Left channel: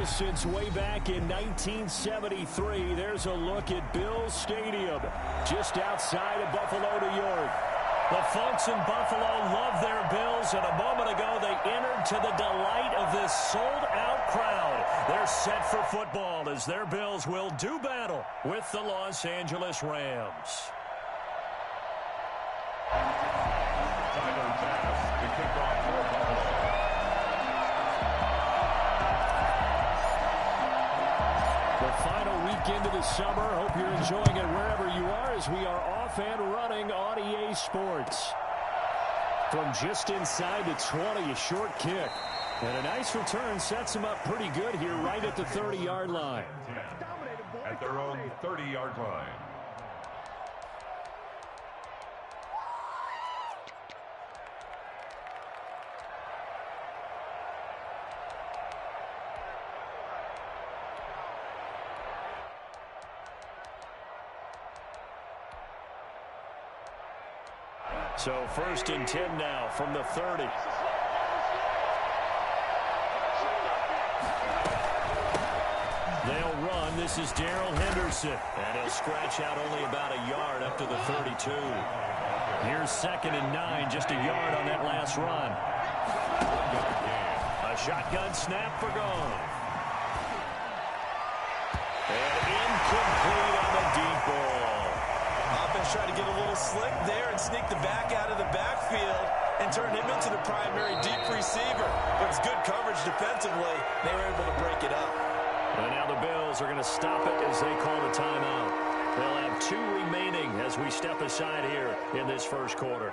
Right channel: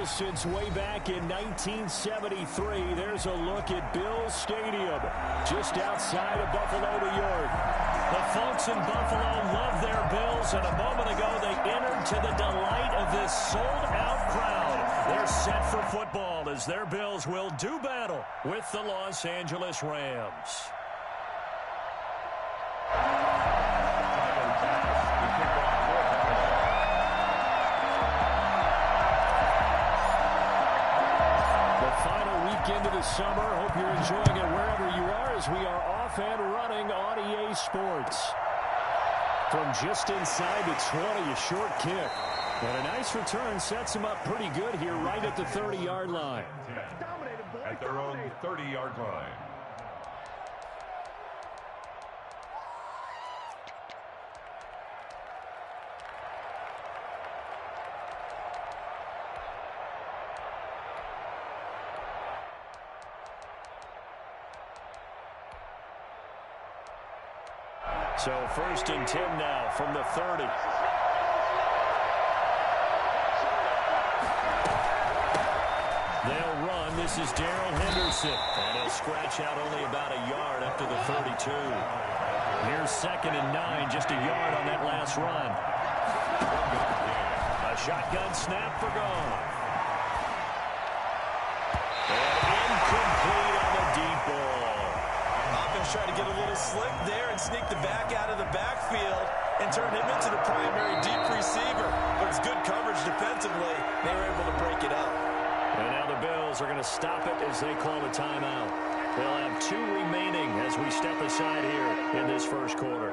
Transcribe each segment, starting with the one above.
Bills since way back in 1973. There's a look at Bills Stadium, just outside of Buffalo, New York. The folks in Buffalo love their Bills, and a moment ago they entered to the delight of this sold-out crowd. They're set for football as their Bills will do battle with the Los Angeles Rams. Tyler Bass, the kickoff for Buffalo. The final weekend of the summer. Hope you're enjoying it wherever you are as we are off and running on EA Sports. From just inside the 20, a short kick. And a nice return sets them up pretty good here right at the 30-yard line. At their own 30-yard line. So 1st and 10 now from the 30. They'll run. This is Darrell Henderson. And he'll scratch out only about a yard up to the 32. Here's 2nd and 9, just a yard on that last run. A shotgun snap for Goff. And incomplete on the deep ball. Offense tried to get a little slick there and sneak the back out of the backfield and turn him into the primary deep receiver. But it's good coverage defensively. They were able to break it up. And now the Bills are going to stop it as they call the timeout. They'll have 2 remaining as we step aside here in this first quarter.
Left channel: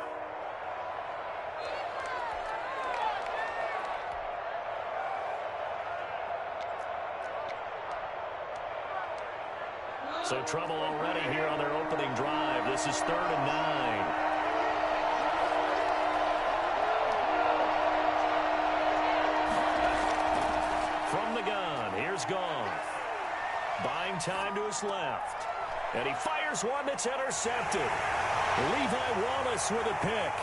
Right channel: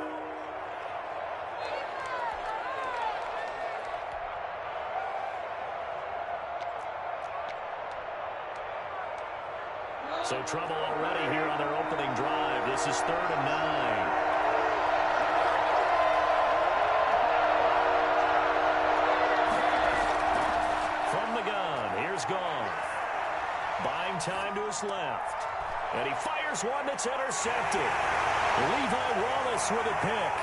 So trouble already here on their opening drive. This is 3rd and 9. From the gun, here's Goff. Buying time to his left. And he fires one that's intercepted. Levi Wallace with a pick.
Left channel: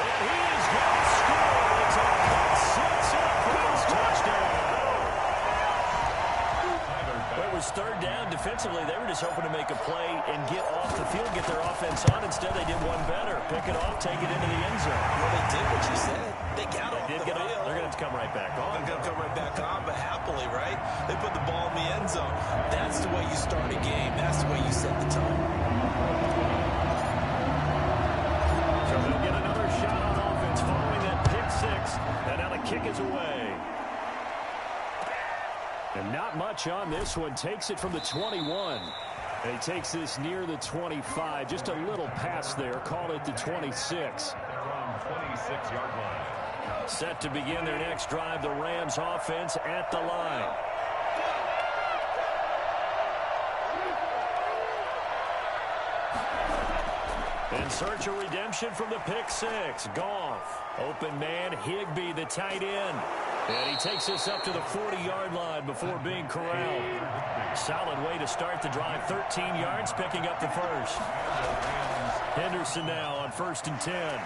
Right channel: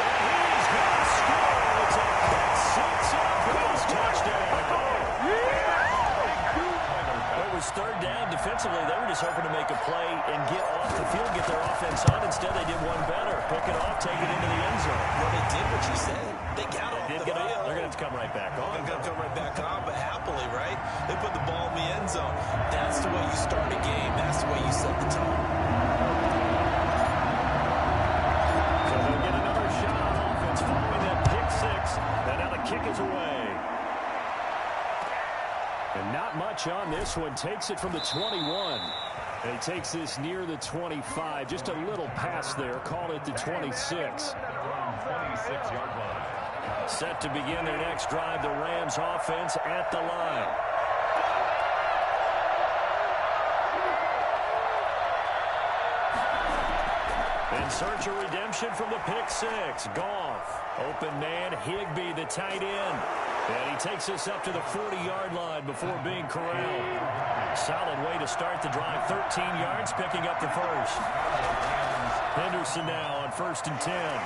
And he is going to score. It's a pick six and a Bills touchdown. Well, it was 3rd down. Defensively, they were just hoping to make a play and get off the field, get their offense on. Instead, they did one better. Pick it off, take it into the end zone. Well, they did what you said. They got off the field. They're going to have to come right back on. They're going to come right back on, but happily, right? They put the ball in the end zone. That's the way you start a game. That's the way you set the tone. So they'll get another shot on offense following that pick six. And now the kick is away. And not much on this one. Takes it from the 21. And he takes this near the 25. Just a little pass there. Call it the 26. 26-yard line. Set to begin their next drive. The Rams offense at the line. In search of redemption from the pick six. Goff. Open man. Higbee, the tight end. And he takes us up to the 40-yard line before being corralled. Solid way to start the drive. 13 yards, picking up the first. Henderson now on 1st and 10.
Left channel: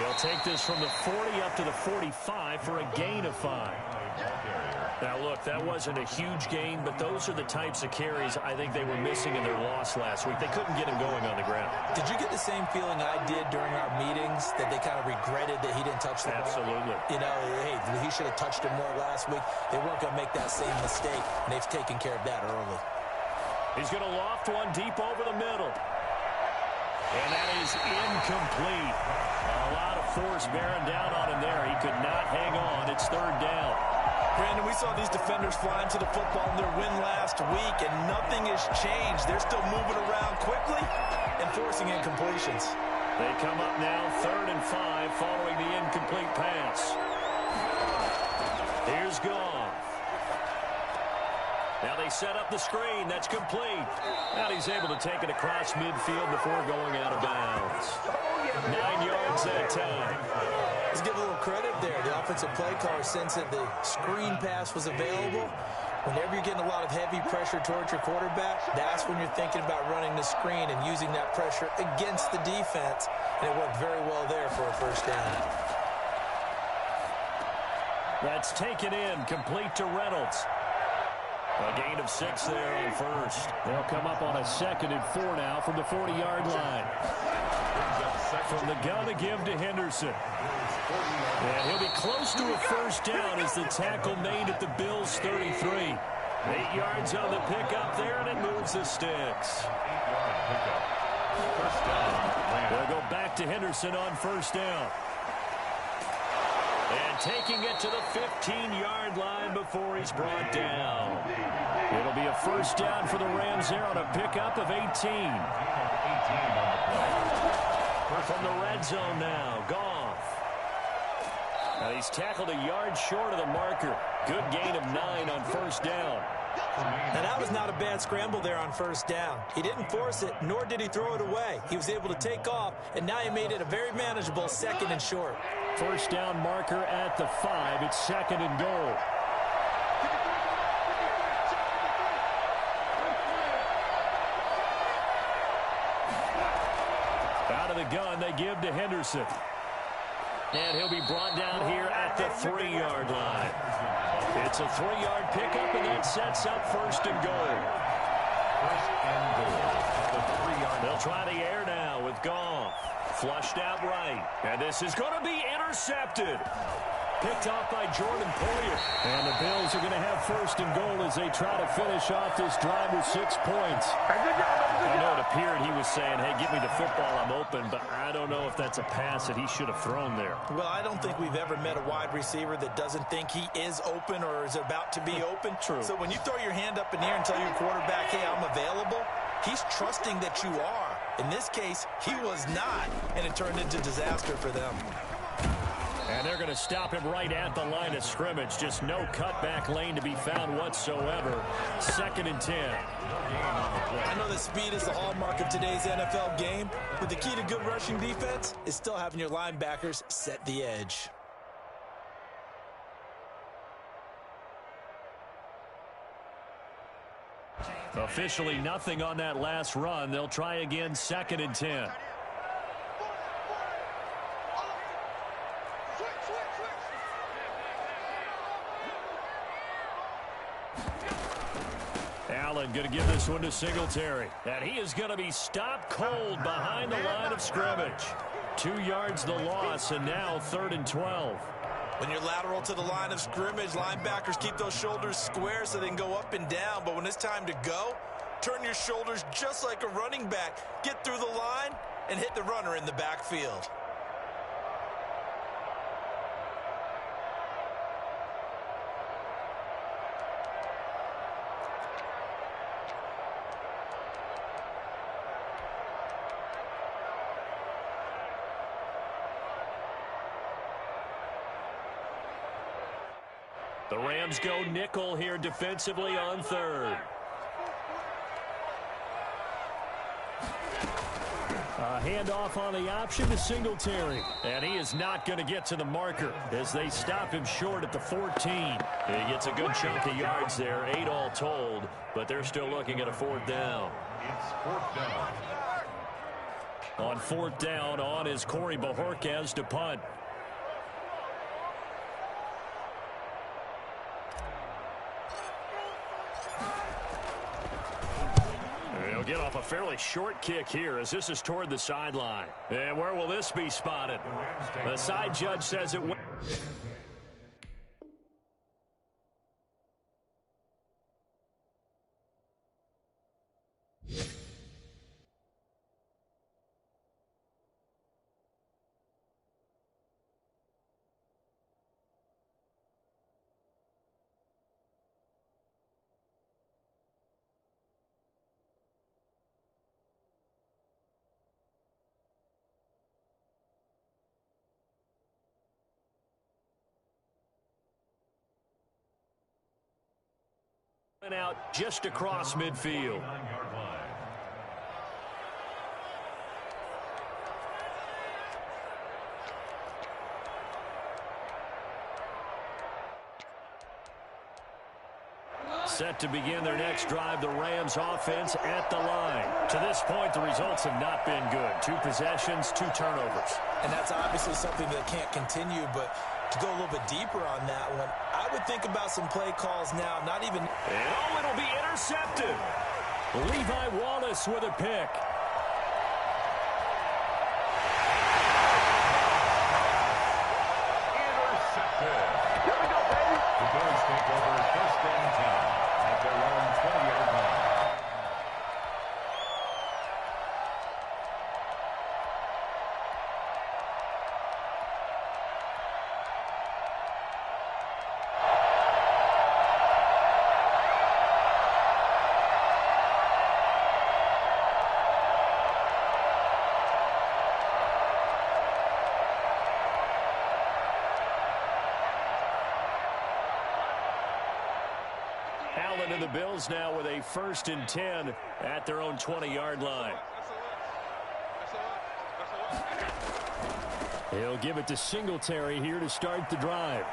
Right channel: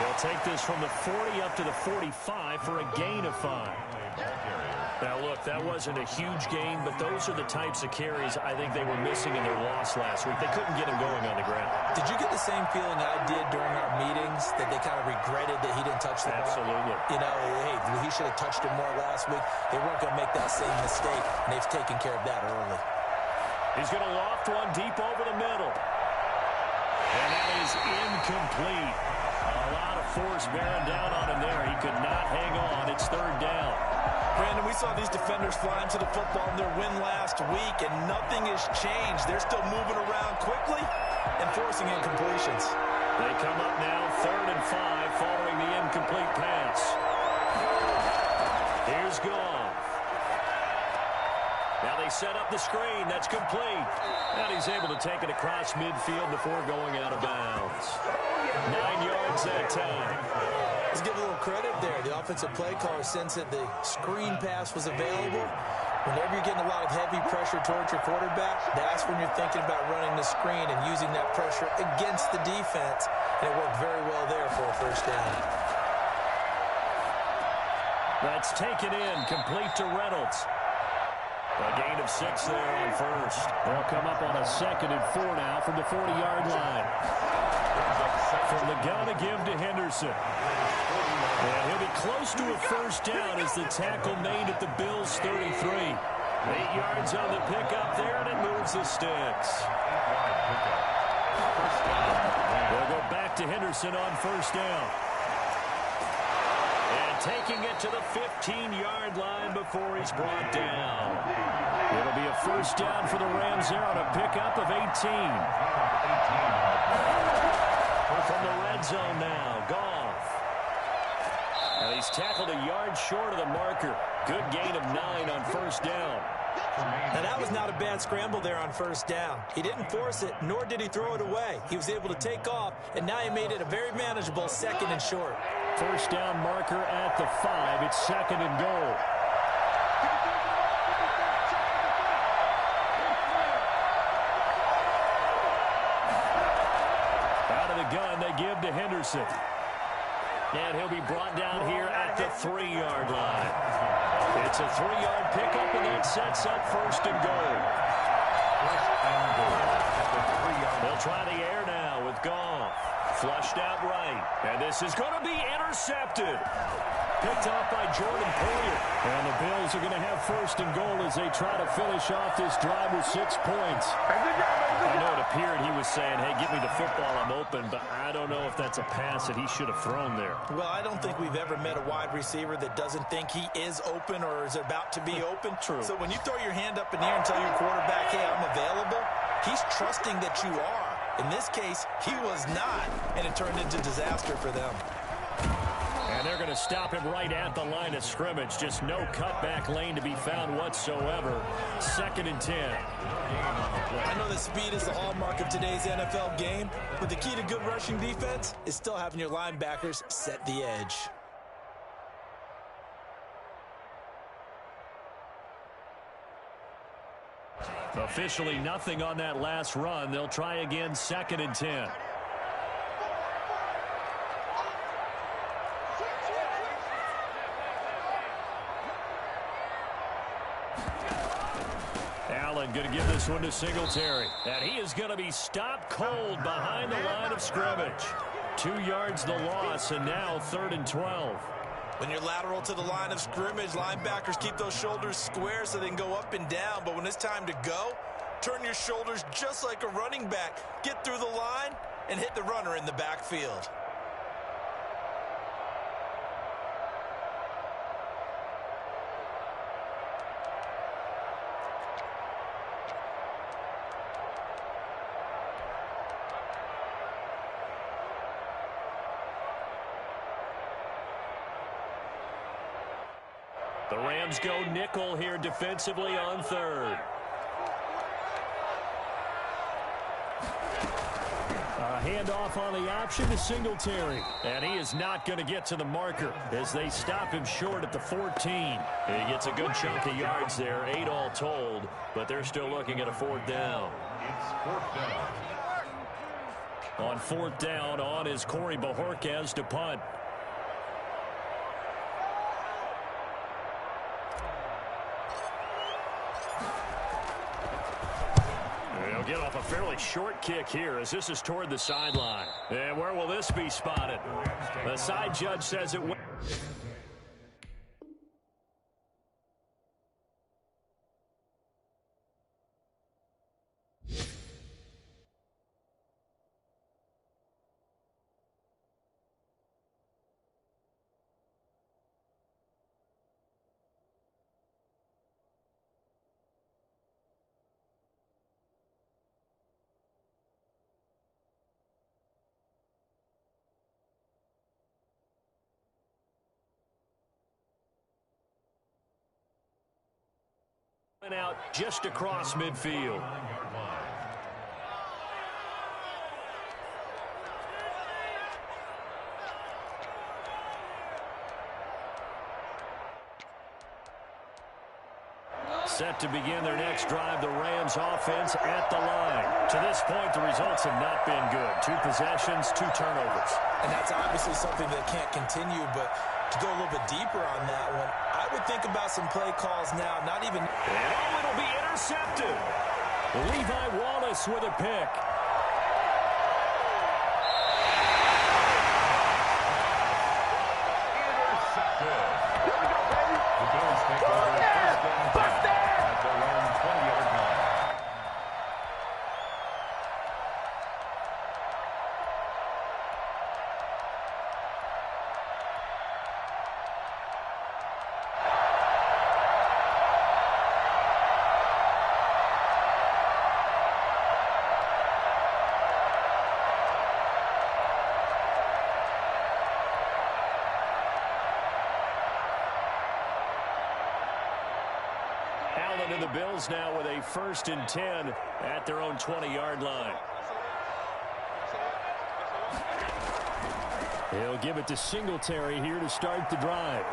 He'll take this from the 40 up to the 45 for a gain of 5. Now, look, that wasn't a huge gain, but those are the types of carries I think they were missing in their loss last week. They couldn't get him going on the ground. Did you get the same feeling I did during our meetings, that they kind of regretted that he didn't touch the ball? Absolutely. You know, hey, he should have touched it more last week. They weren't going to make that same mistake, and they've taken care of that early. He's going to loft one deep over the middle. And that is incomplete. A lot of force bearing down on him there. He could not hang on. It's 3rd down. Brandon, we saw these defenders flying to the football in their win last week, and nothing has changed. They're still moving around quickly and forcing incompletions. They come up now 3rd and 5 following the incomplete pass. Here's Goff. Now they set up the screen. That's complete. And he's able to take it across midfield before going out of bounds. 9 yards that time. Let's give a little credit there. The offensive play caller sensed that the screen pass was available. Whenever you're getting a lot of heavy pressure towards your quarterback, that's when you're thinking about running the screen and using that pressure against the defense. And it worked very well there for a 1st down. That's taken in, complete to Reynolds. A gain of 6 there on first. They'll come up on a 2nd and 4 now from the 40-yard line. From the gun, a give to Henderson. And he'll be close to a first down as the tackle made at the Bills' 33. 8 yards on the pickup there, and it moves the sticks. 8-yard pickup. First down. They'll go back to Henderson on first down. And taking it to the 15-yard line before he's brought down. It'll be a first down for the Rams there on a pickup of 18. From the red zone now, Goff. And he's tackled a yard short of the marker. Good gain of 9 on first down. Now, that was not a bad scramble there on first down. He didn't force it, nor did he throw it away. He was able to take off, and now he made it a very manageable 2nd and short. First down marker at the 5. It's 2nd and goal. Out of the gun, they give to Henderson. And he'll be brought down here at the 3-yard line. It's a 3-yard pickup, and that sets up first and goal. First and goal at the 3-yard line. They'll try the air now with Goff. Flushed out right. And this is going to be intercepted. Picked off by Jordan Poyer. And the Bills are going to have first and goal as they try to finish off this drive with 6 points. I know it appeared he was saying, hey, give me the football, I'm open, but I don't know if that's a pass that he should have thrown there. Well, I don't think we've ever met a wide receiver that doesn't think he is open or is about to be open. True. So when you throw your hand up in the air and tell your quarterback, hey, I'm available, he's trusting that you are. In this case, he was not, and it turned into disaster for them. And they're going to stop him right at the line of scrimmage. Just no cutback lane to be found whatsoever. 2nd and 10. I know that speed is the hallmark of today's NFL game, but the key to good rushing defense is still having your linebackers set the edge. Officially nothing on that last run. They'll try again, 2nd and 10. Allen going to give this one to Singletary. And he is going to be stopped cold behind the line of scrimmage. 2 yards the loss, and now 3rd and 12. When you're lateral to the line of scrimmage, linebackers keep those shoulders square so they can go up and down. But when it's time to go, turn your shoulders just like a running back. Get through the line and hit the runner in the backfield. The Rams go nickel here defensively on 3rd. A handoff on the option to Singletary. And he is not going to get to the marker as they stop him short at the 14. He gets a good chunk of yards there, 8 all told, but they're still looking at a 4th down. It's 4th down. On 4th down, on is Corey Bojorquez to punt. He'll get off a fairly short kick here as this is toward the sideline. And where will this be spotted? The side judge says it went. Out just across midfield. Set to begin their next drive, the Rams offense at the line. To this point, the results have not been good. 2 possessions, 2 turnovers. And that's obviously something that can't continue, but To go a little bit deeper on that one, I would think about some play calls now, not even... And it'll be intercepted. Levi Wallace with a pick. Intercepted. There we go, baby. The Bills take over first and 10 at their own 20-yard line. Allen and the Bills now with a first and 10 at their own 20-yard line. He'll give it to Singletary here to start the drive.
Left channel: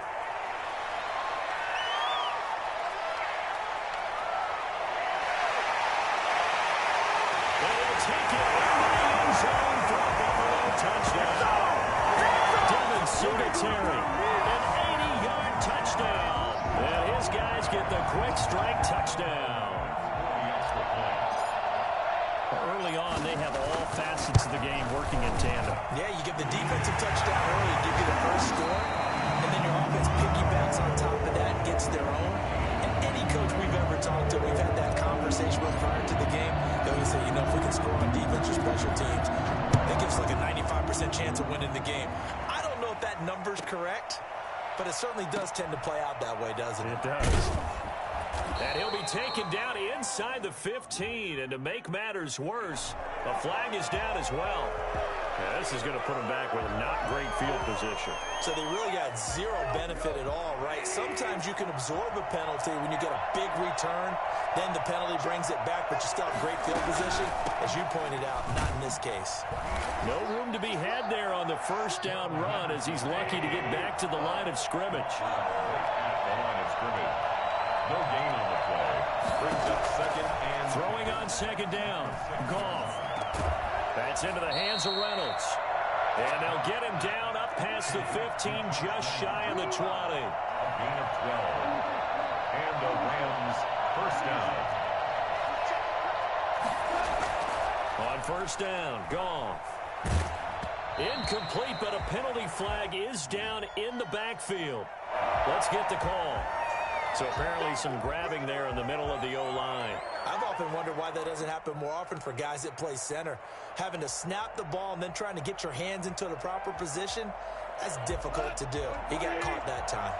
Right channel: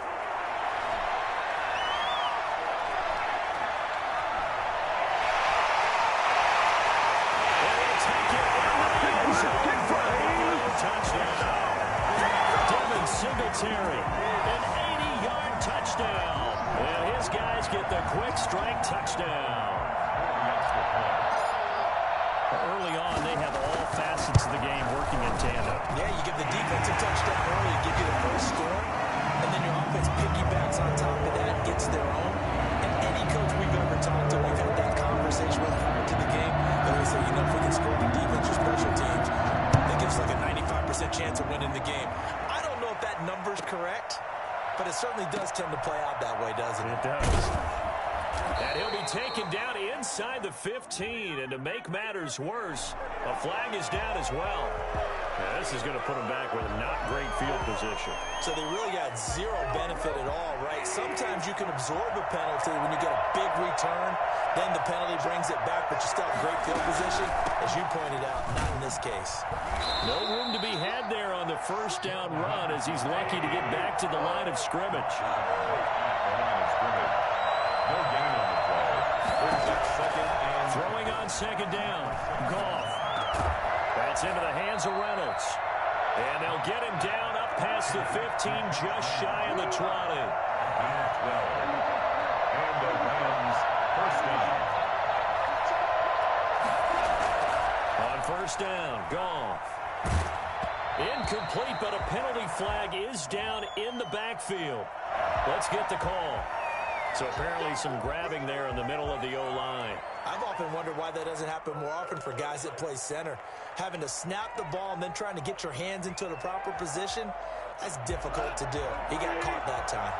And he'll take it into the end zone for a Buffalo touchdown. Devin Singletary, an 80-yard touchdown. And his guys get the quick strike touchdown. Early on, they have all facets of the game working in tandem. Yeah, you give the defensive touchdown early, give you the first score, and then your offense piggybacks on top of that, gets their own. And any coach we've ever talked to, we've had that conversation with prior to the game, they always say, you know, if we can score on defense or special teams, that gives like a 95% chance of winning the game. I don't know if that number's correct, but it certainly does tend to play out that way, doesn't it? It does. And he'll be taken down inside the 15. And to make matters worse, a flag is down as well. Yeah, this is going to put him back with not great field position. So they really got zero benefit at all, right? Sometimes you can absorb a penalty when you get a big return. Then the penalty brings it back, but you still have great field position. As you pointed out, not in this case. No room to be had there on the first down run as he's lucky to get back to the line of scrimmage. The line of scrimmage. No gain on the play. Brings up second and... Throwing on second down. Goff. That's into the hands of Reynolds. And they'll get him down up past the 15, just shy of the 20. Gain of 12. And the Rams first down. On first down, Goff. Incomplete, but a penalty flag is down in the backfield. Let's get the call. So apparently some grabbing there in the middle of the O-line. I've often wondered why that doesn't happen more often for guys that play center. Having to snap the ball and then trying to get your hands into the proper position, that's difficult to do. He got caught that time.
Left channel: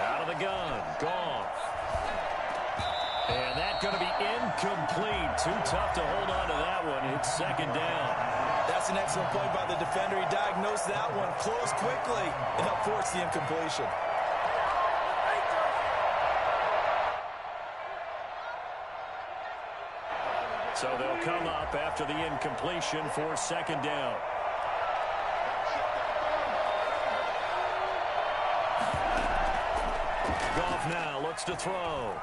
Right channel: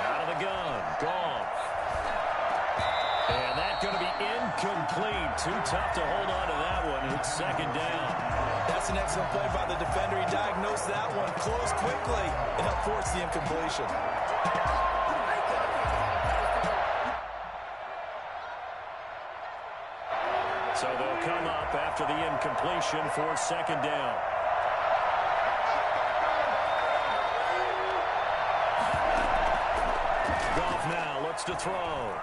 Out of the gun, Goff. And that's going to be incomplete. Too tough to hold on to that one. It's second down. That's an excellent play by the defender. He diagnosed that one, closed quickly, and helped force the incompletion. So they'll come up after the incompletion for second down. Goff now looks to throw.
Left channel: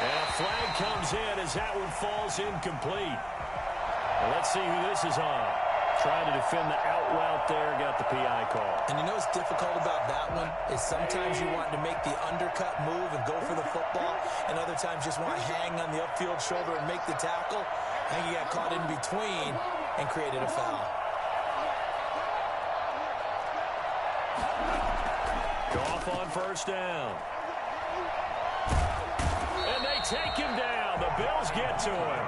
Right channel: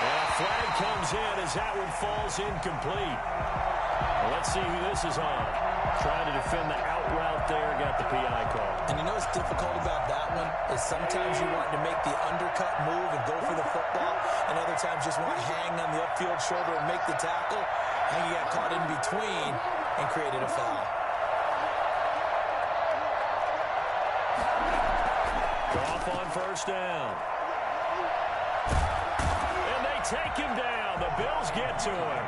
And a flag comes in as that one falls incomplete. Well, let's see who this is on. Trying to defend the out route there, got the PI call. And you know what's difficult about that one is sometimes you want to make the undercut move and go for the football, and other times just want to hang on the upfield shoulder and make the tackle. I think he got caught in between and created a foul. Goff on first down. And they take him down. The Bills get to him.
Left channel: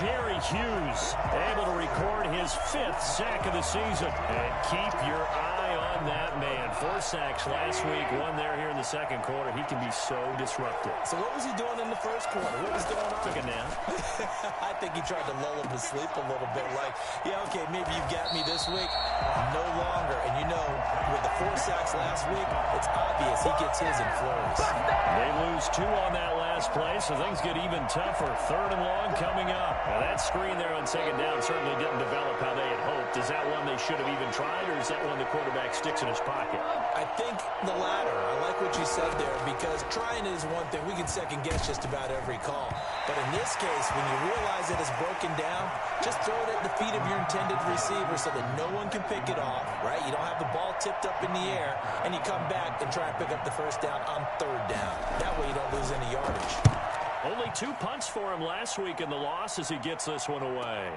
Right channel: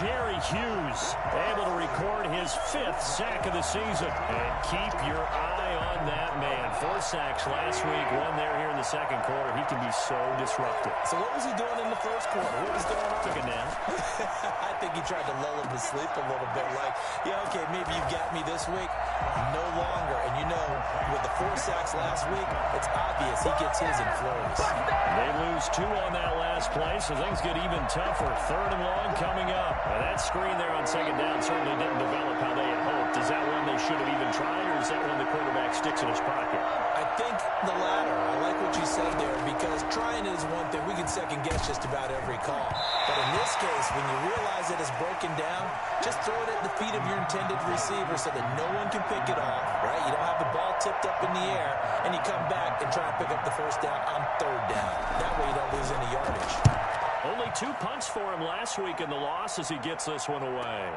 Jerry Hughes able to record his 5th sack of the season. And keep your eye on that man. 4 sacks last week, 1 there here in the second quarter. He can be so disruptive. So what was he doing in the first quarter? What was going on? Took a nap. I think he tried to lull him to sleep a little bit. Like, yeah, okay, maybe you got me this week. No longer. And you know, with the 4 sacks last week, it's obvious he gets his in flurries. They lose 2 on that last play, so things get even tougher. 3rd and long coming up. Now that screen there on second down certainly didn't develop how they had hoped. Is that one they should have even tried, or is that one the quarterback quarterback sticks in his pocket? I think the latter. I like what you said there because trying is one thing. We can second guess just about every call. But in this case, when you realize that it's broken down, just throw it at the feet of your intended receiver so that no one can pick it off, right? You don't have the ball tipped up in the air, and you come back and try and pick up the first down on third down. That way you don't lose any yardage. Only 2 punts for him last week in the loss as he gets this one away.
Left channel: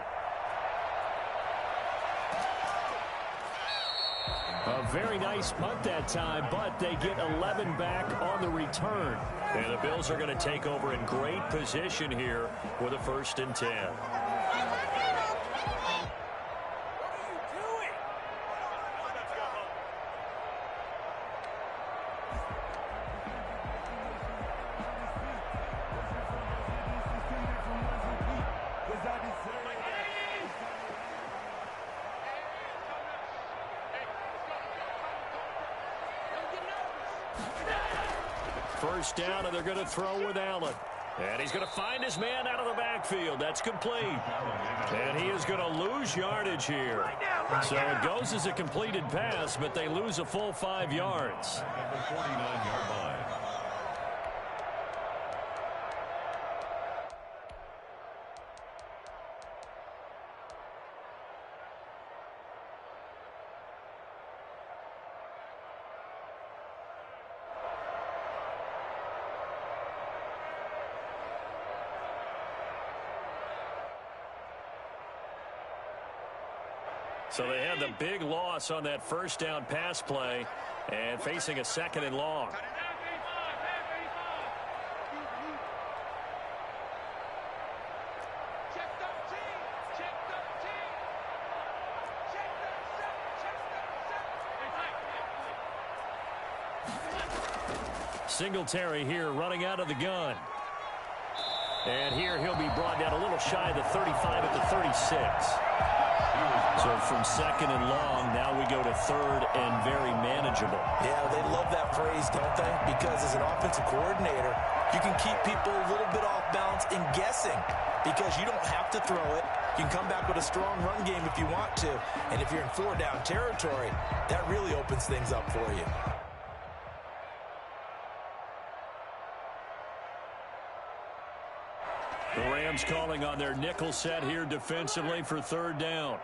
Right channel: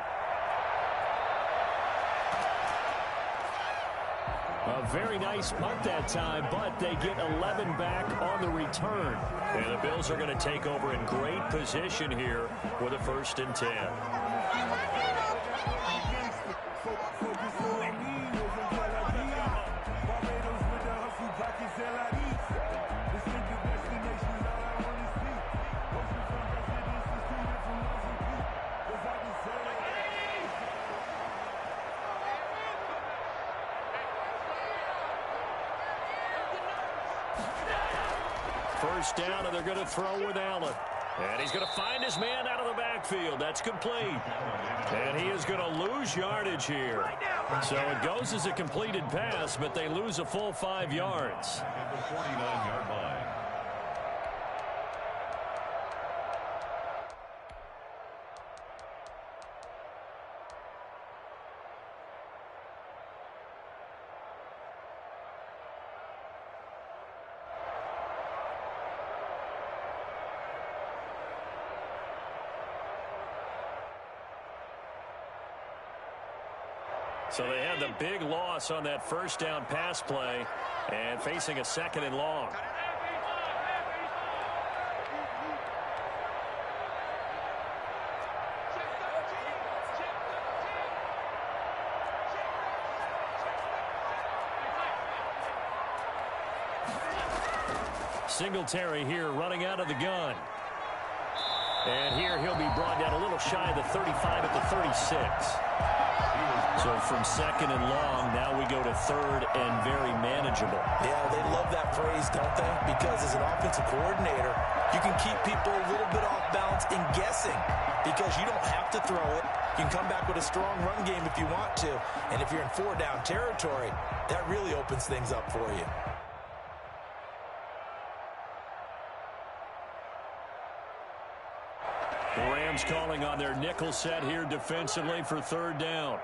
A very nice punt that time, but they get 11 back on the return. And the Bills are going to take over in great position here with a 1st and 10. First down, and they're going to throw with Allen. And he's going to find his man out of the backfield. That's complete. And he is going to lose yardage here. So it goes as a completed pass, but they lose a full 5 yards. At the 49-yard line. So they had the big loss on that first down pass play and facing a 2nd and long. Singletary here running out of the gun. And here he'll be brought down a little shy of the 35 at the 36. So from 2nd and long, now we go to 3rd and very manageable. Yeah, they love that phrase, don't they? Because as an offensive coordinator, you can keep people a little bit off balance in guessing because you don't have to throw it. You can come back with a strong run game if you want to. And if you're in 4-down territory, that really opens things up for you. The Rams calling on their nickel set here defensively for 3rd down.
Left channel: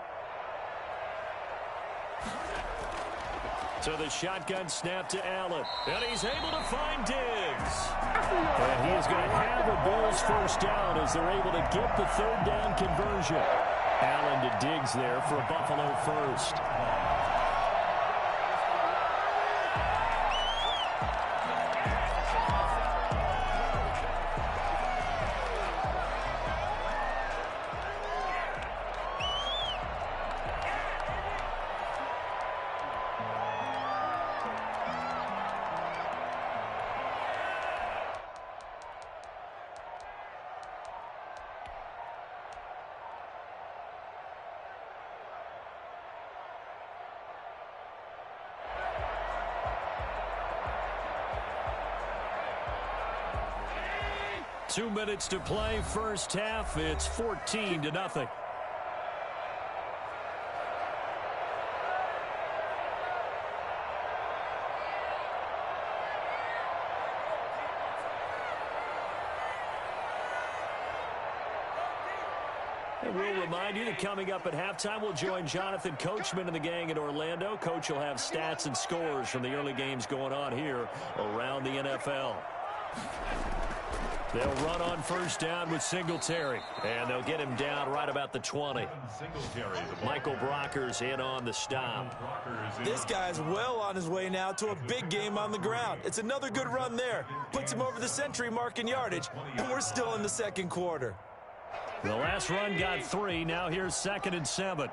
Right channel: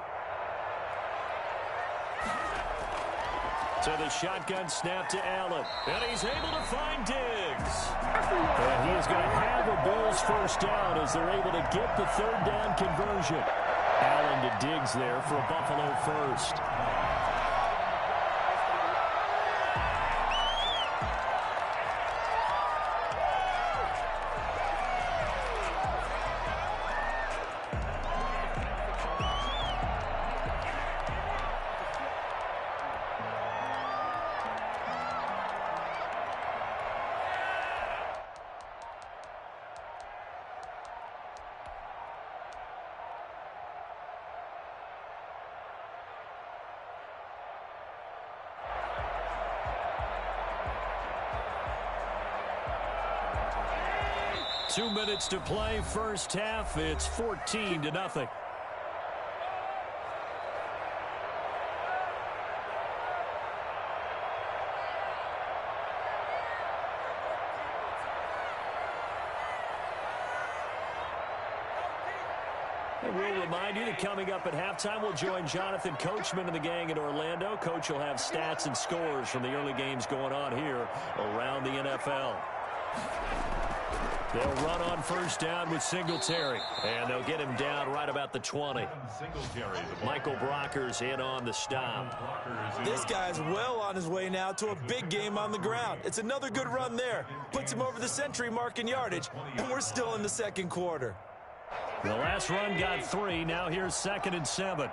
So the shotgun snap to Allen. And he's able to find Diggs. And he is going to have a Bills 1st down as they're able to get the 3rd down conversion. Allen to Diggs there for a Buffalo 1st. Two minutes to play, first half. It's 14-0. And we'll remind you that coming up at halftime, we'll join Jonathan Coachman and the gang in Orlando. Coach will have stats and scores from the early games going on here around the NFL. They'll run on first down with Singletary, and they'll get him down right about the 20. Michael Brockers in on the stop. This guy's well on his way now to a big game on the ground. It's another good run there. Puts him over the century mark in yardage, and we're still in the 2nd quarter. The last run got 3. Now here's 2nd and 7.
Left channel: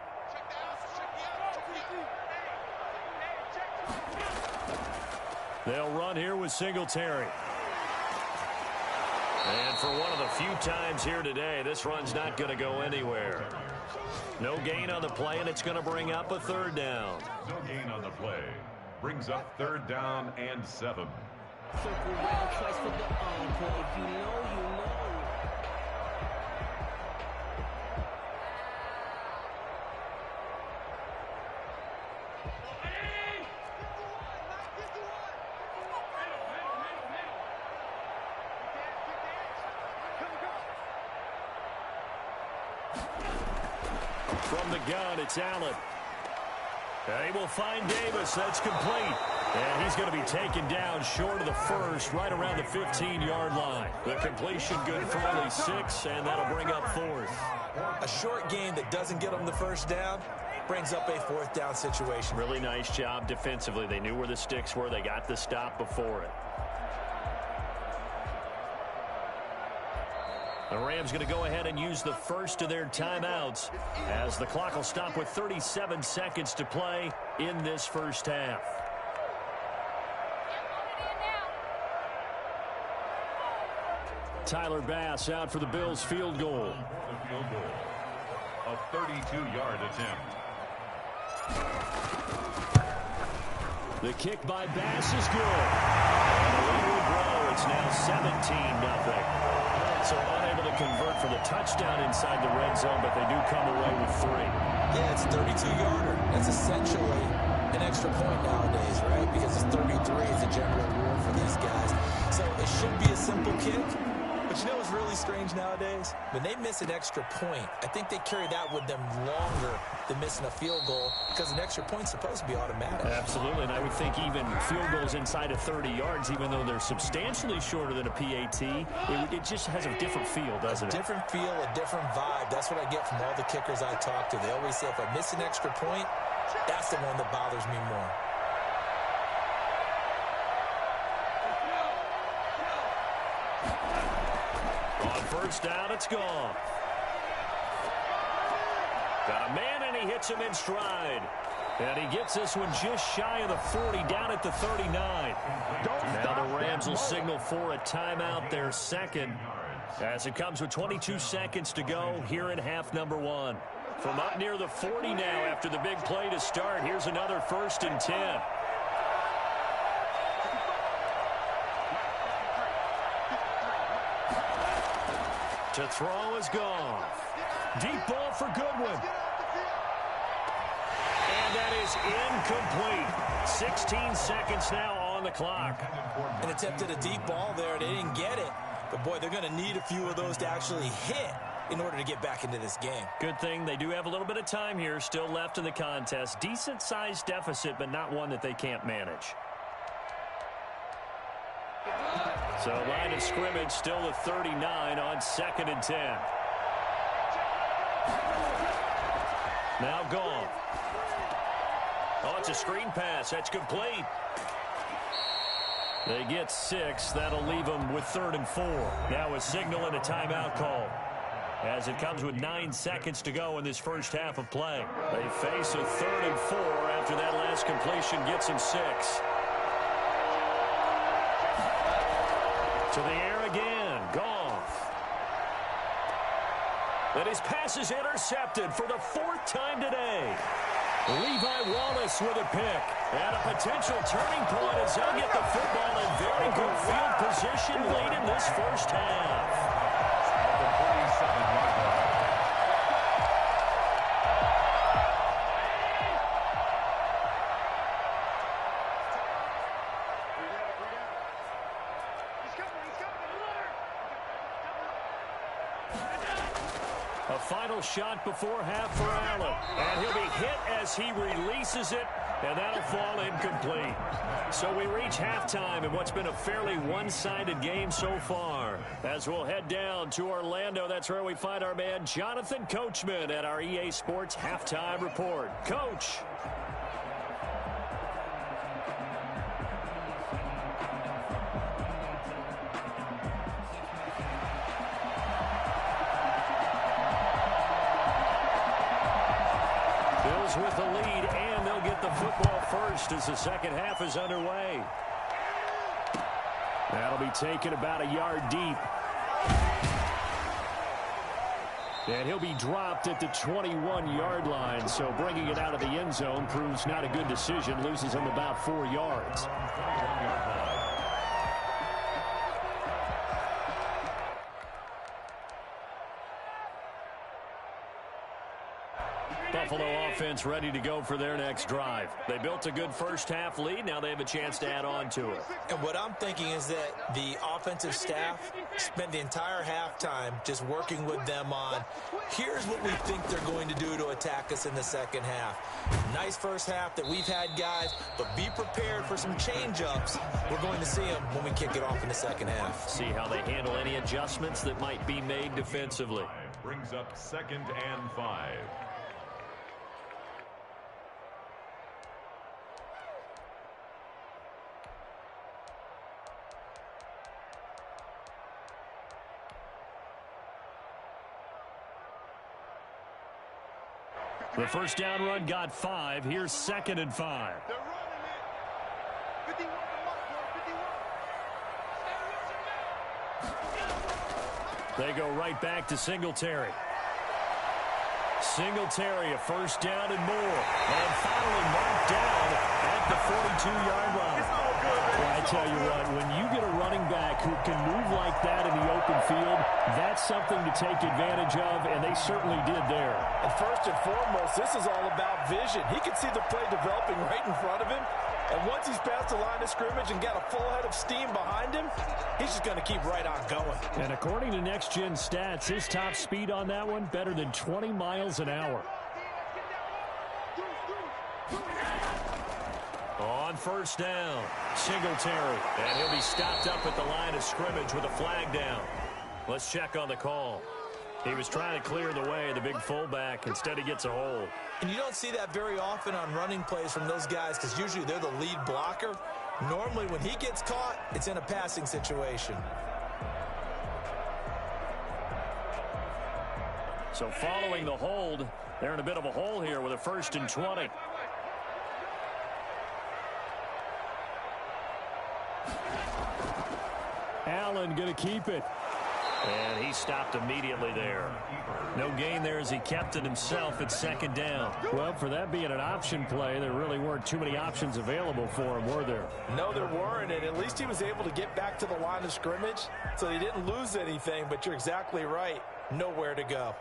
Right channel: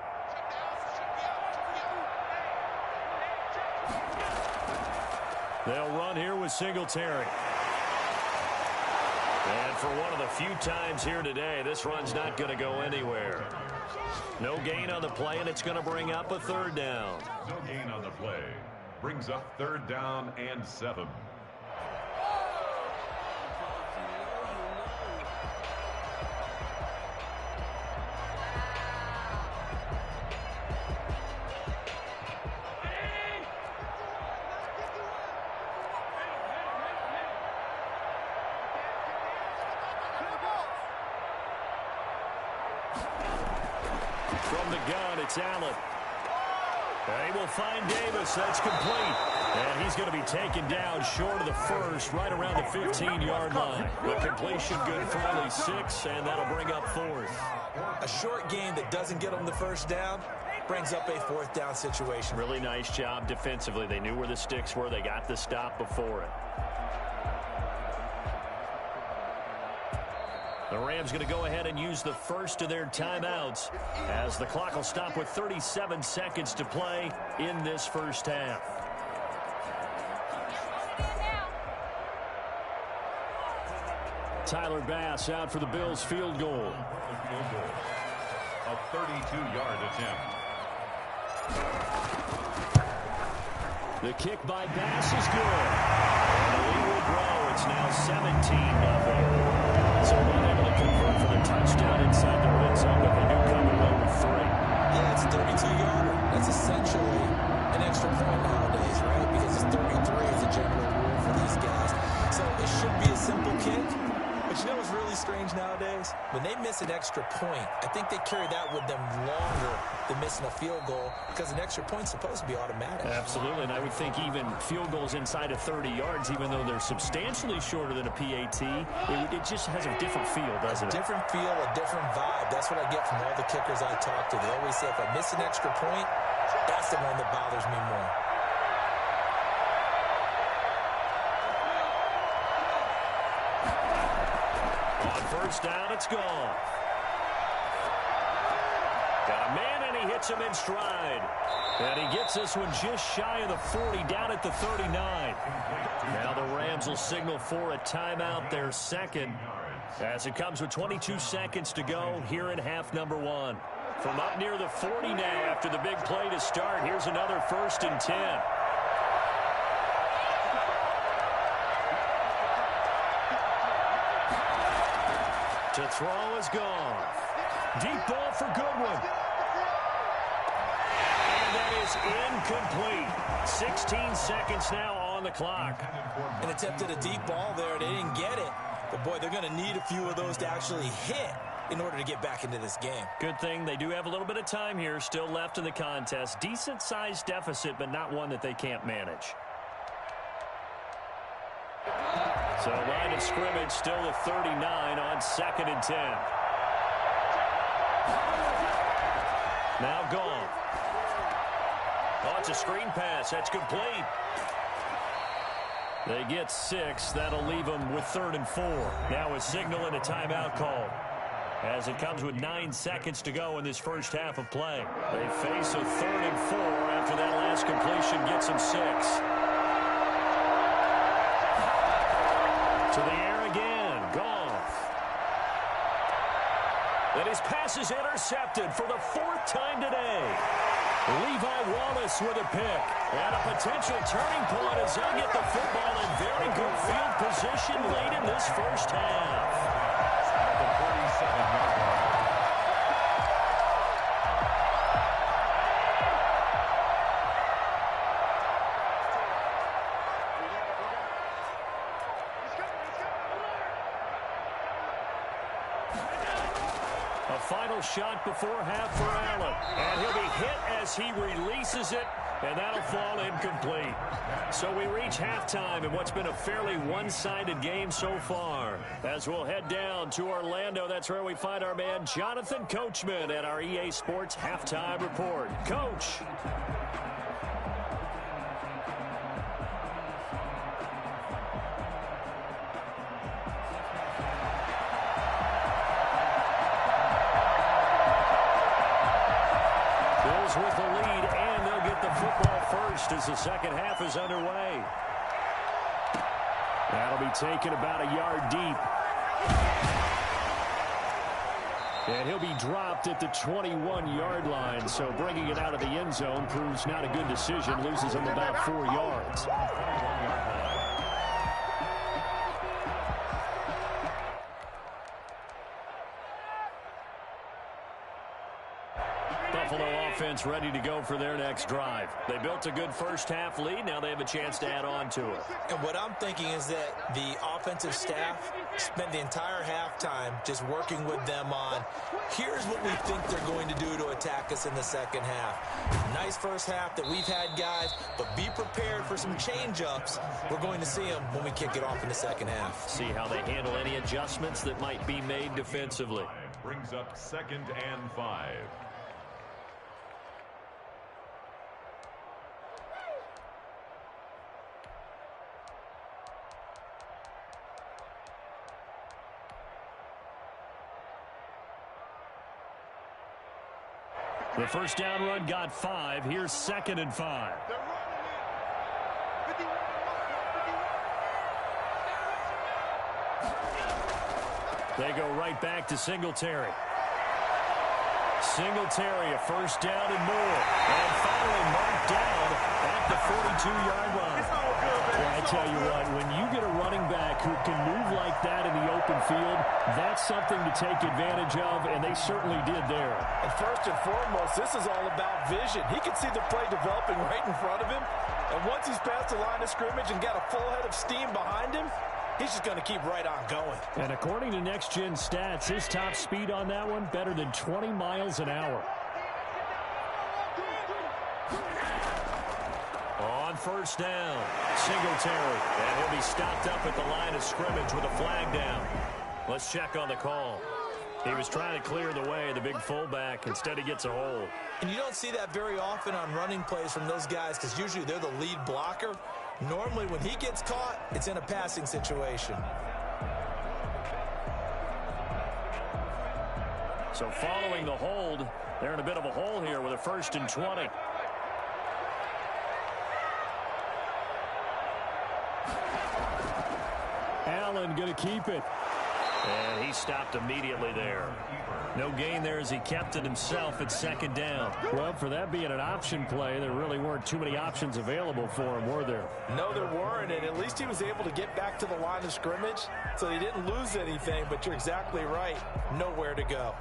They'll run here with Singletary. And for one of the few times here today, this run's not going to go anywhere. No gain on the play, and it's going to bring up a 3rd down. No gain on the play. Brings up 3rd down and 7. From the gun, it's Allen. They will find Davis. That's complete. And he's going to be taken down short of the first, right around the 15-yard line. The completion good for only 6, and that'll bring up 4th. A short game that doesn't get them the first down brings up a 4th down situation. Really nice job defensively. They knew where the sticks were. They got the stop before it. The Rams going to go ahead and use the first of their timeouts as the clock will stop with 37 seconds to play in this first half. Tyler Bass out for the Bills field goal. A 32-yard attempt. The kick by Bass is good. And the lead will grow. It's now 17-0. So unable to convert for the touchdown inside the red zone, but they do come away with 3. Yeah, it's a 32-yarder. That's essentially an extra point nowadays, right? Because it's 33 is a general rule for these guys. So it should be a simple kick. But you know what's really strange nowadays? When they miss an extra point, I think they carry that with them longer than missing a field goal because an extra point's supposed to be automatic. Absolutely, and I would think even field goals inside of 30 yards, even though they're substantially shorter than a PAT, it just has a different feel, doesn't it? A different feel, a different vibe. That's what I get from all the kickers I talk to. They always say if I miss an extra point, that's the one that bothers me more. First down, it's gone. Got a man, and he hits him in stride. And he gets this one just shy of the 40, down at the 39. Now the Rams will signal for a timeout, their second, as it comes with 22 seconds to go here in half number 1. From up near the 40 now after the big play to start, here's another 1st and 10. To throw is gone. Deep ball for Goodwin. And that is incomplete. 16 seconds now on the clock. An attempt at a deep ball there. They didn't get it. But, boy, they're going to need a few of those to actually hit in order to get back into this game. Good thing they do have a little bit of time here still left in the contest. Decent-sized deficit, but not one that they can't manage. So line of scrimmage still the 39 on 2nd and 10. Now gone. Oh, it's a screen pass. That's complete. They get 6. That'll leave them with 3rd and 4. Now a signal and a timeout call, as it comes with 9 seconds to go in this first half of play. They face a 3rd and 4 after that last completion gets them 6. To the air again. Goff. And his pass is intercepted for the 4th time today. Levi Wallace with a pick. And a potential turning point as they'll get the football in very good field position late in this first half. At the 47-yard line. A final shot before half for Allen. And he'll be hit as he releases it, and that'll fall incomplete. So we reach halftime in what's been a fairly one-sided game so far. As we'll head down to Orlando, that's where we find our man Jonathan Coachman at our EA Sports Halftime Report. Coach. Bills with the lead, and they'll get the football first as the second half is underway. That'll be taken about a yard deep. And he'll be dropped at the 21-yard line, so bringing it out of the end zone proves not a good decision. Loses him about 4 yards. Buffalo offense ready to go for their next drive. They built a good first-half lead. Now they have a chance to add on to it. And what I'm thinking is that the offensive staff spent the entire halftime just working with them on, here's what we think they're going to do to attack us in the second half. Nice first half that we've had, guys, but be prepared for some change-ups. We're going to see them when we kick it off in the second half. See how they handle any adjustments that might be made defensively. Brings up 2nd and 5. The first down run got 5. Here's 2nd and 5. They're running it. 51 to Mark, 51. They go right back to Singletary. Singletary, a first down and more. And finally marked down at the 42-yard line. It's all good, man. Well, I tell you what, when you get a running back who can move like that in the open field, that's something to take advantage of, and they certainly did there. And first and foremost, this is all about vision. He can see the play developing right in front of him. And once he's past the line of scrimmage and got a full head of steam behind him, he's just going to keep right on going. And according to Next Gen Stats, his top speed on that one, better than 20 miles an hour. On first down, Singletary. And he'll be stopped up at the line of scrimmage with a flag down. Let's check on the call. He was trying to clear the way, the big fullback. Instead, he gets a hold. And you don't see that very often on running plays from those guys because usually they're the lead blocker. Normally, when he gets caught, it's in a passing situation. So following the hold, they're in a bit of a hole here with a 1st and 20. Allen going to keep it. And he stopped immediately there. No gain there as he kept it himself at 2nd down. Well, for that being an option play, there really weren't too many options available for him, were there? No, there weren't, and at least he was able to get back to the line of scrimmage, so he didn't lose anything, but you're exactly right. Nowhere to go.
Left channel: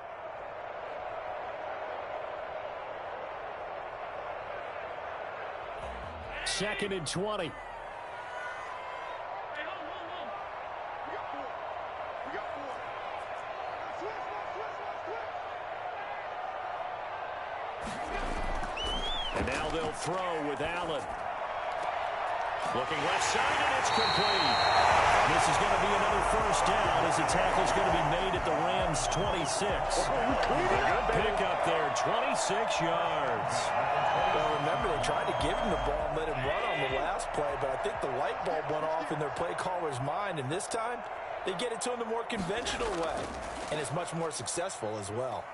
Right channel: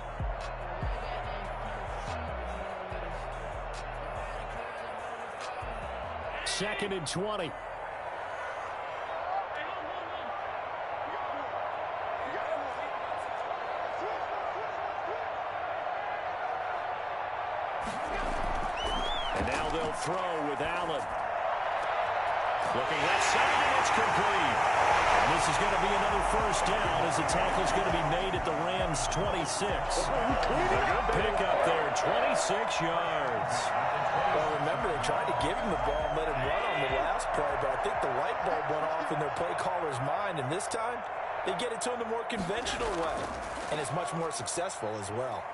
Second and 20. And now they'll throw with Allen. Looking left side, and it's complete. And this is going to be another first down as the tackle's going to be made at the Rams' 26. A good pickup there, 26 yards. Well, remember, they tried to give him the ball and let him run on the last play, but I think the light bulb went off in their play caller's mind, and this time they get it to him the more conventional way, and it's much more successful as well.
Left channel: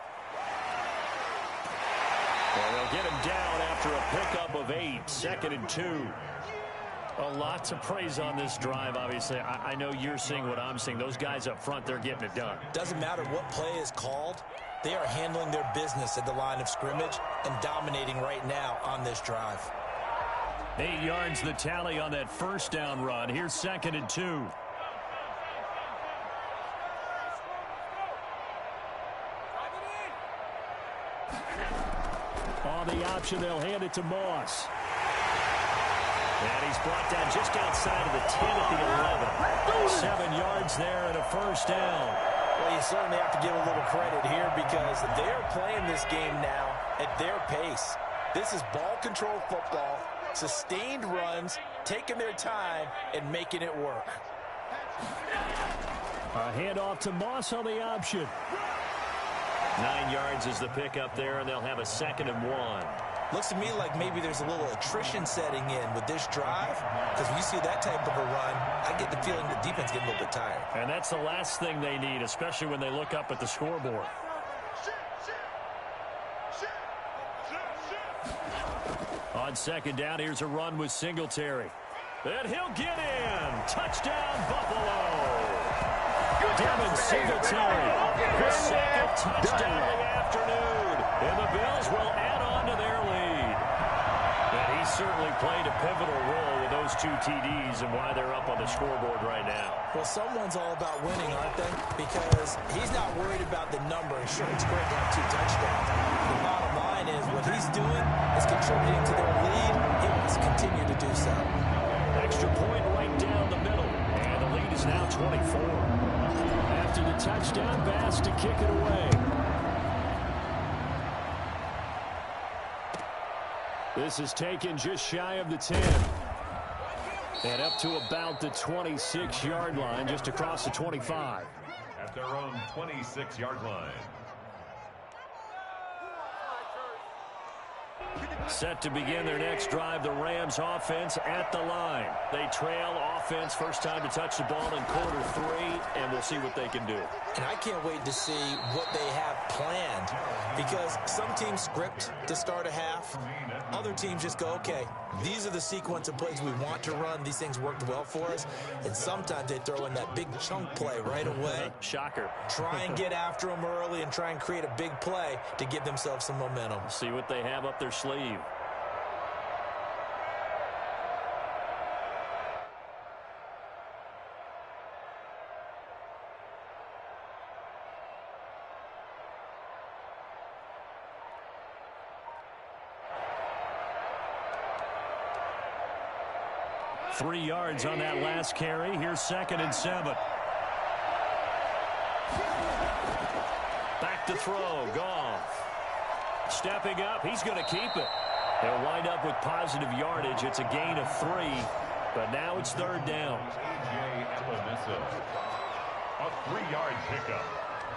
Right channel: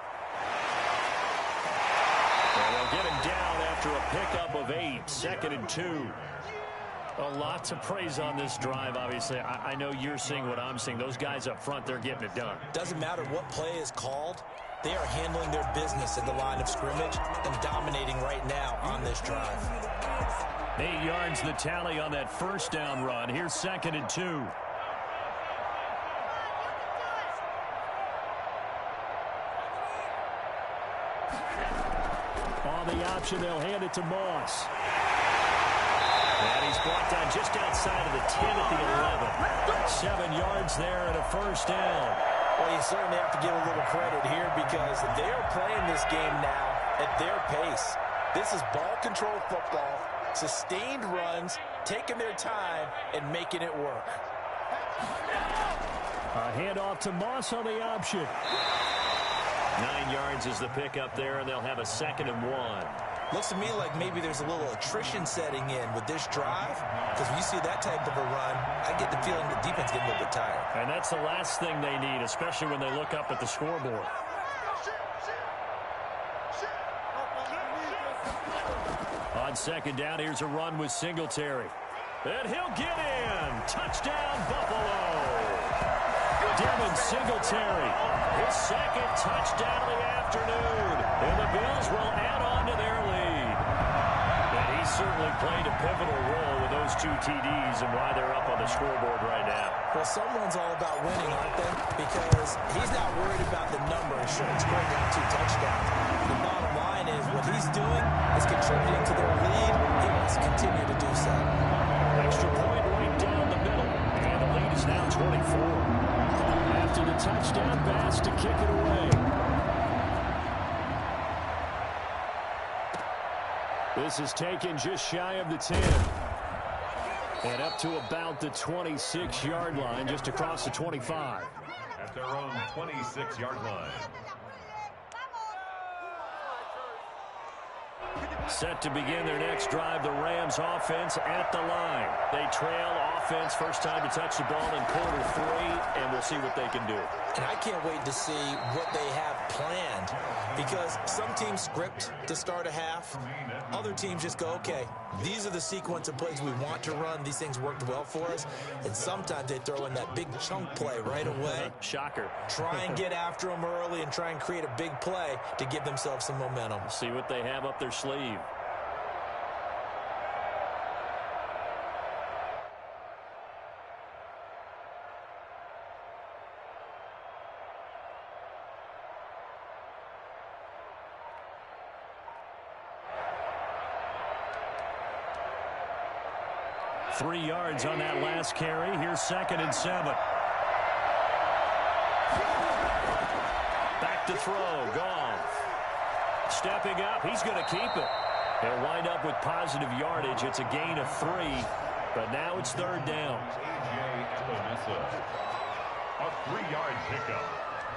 And they'll get him down after a pickup of 8, 2nd and 2. A lot to praise on this drive, obviously. I know you're seeing what I'm seeing. Those guys up front, they're getting it done. Doesn't matter what play is called. They are handling their business at the line of scrimmage and dominating right now on this drive. 8 yards the tally on that first down run. Here's 2nd and 2. On the option, they'll hand it to Moss. And he's brought down just outside of the 10 at the 11. 7 yards there and a first down. Well, you certainly have to give a little credit here because they're playing this game now at their pace. This is ball control football, sustained runs, taking their time and making it work. A handoff to Moss on the option. 9 yards is the pickup there, and they'll have a 2nd and 1. Looks to me like maybe there's a little attrition setting in with this drive, because when you see that type of a run, I get the feeling the defense getting a little bit tired. And that's the last thing they need, especially when they look up at the scoreboard. On 2nd down, here's a run with Singletary. And he'll get in. Touchdown, Buffalo. Devin Singletary, his 2nd touchdown of the afternoon. And the Bills will add on to their lead. And he He certainly played a pivotal role with those 2 TDs and why they're up on the scoreboard right now. Well, someone's all about winning, aren't they? Because he's not worried about the number. Sure, it's great to have 2 touchdowns. The bottom line is what he's doing is contributing to their lead. He wants to continue to do so. Extra point right down the middle. And the lead is now 24. After the touchdown, Bass to kick it away. This is taken just shy of the 10. And up to about the 26-yard line, just across the 25. At their own 26-yard line. Set to begin their next drive, the Rams offense at the line. They trail offense, first time to touch the ball in quarter 3, and we'll see what they can do. And I can't wait to see what they have planned, because some teams script to start a half. Other teams just go, okay, these are the sequence of plays we want to run. These things worked well for us. And sometimes they throw in that big chunk play right away. Shocker. Try and get after them early and try and create a big play to give themselves some momentum. See what they have up their sleeve. Three yards on that last carry. Here's 2nd and 7. Back to throw. Goff. Stepping up. He's going to keep it. He'll wind up with positive yardage. It's a gain of 3. But now it's 3rd down. A.J. Epinesa. A 3-yard pickup.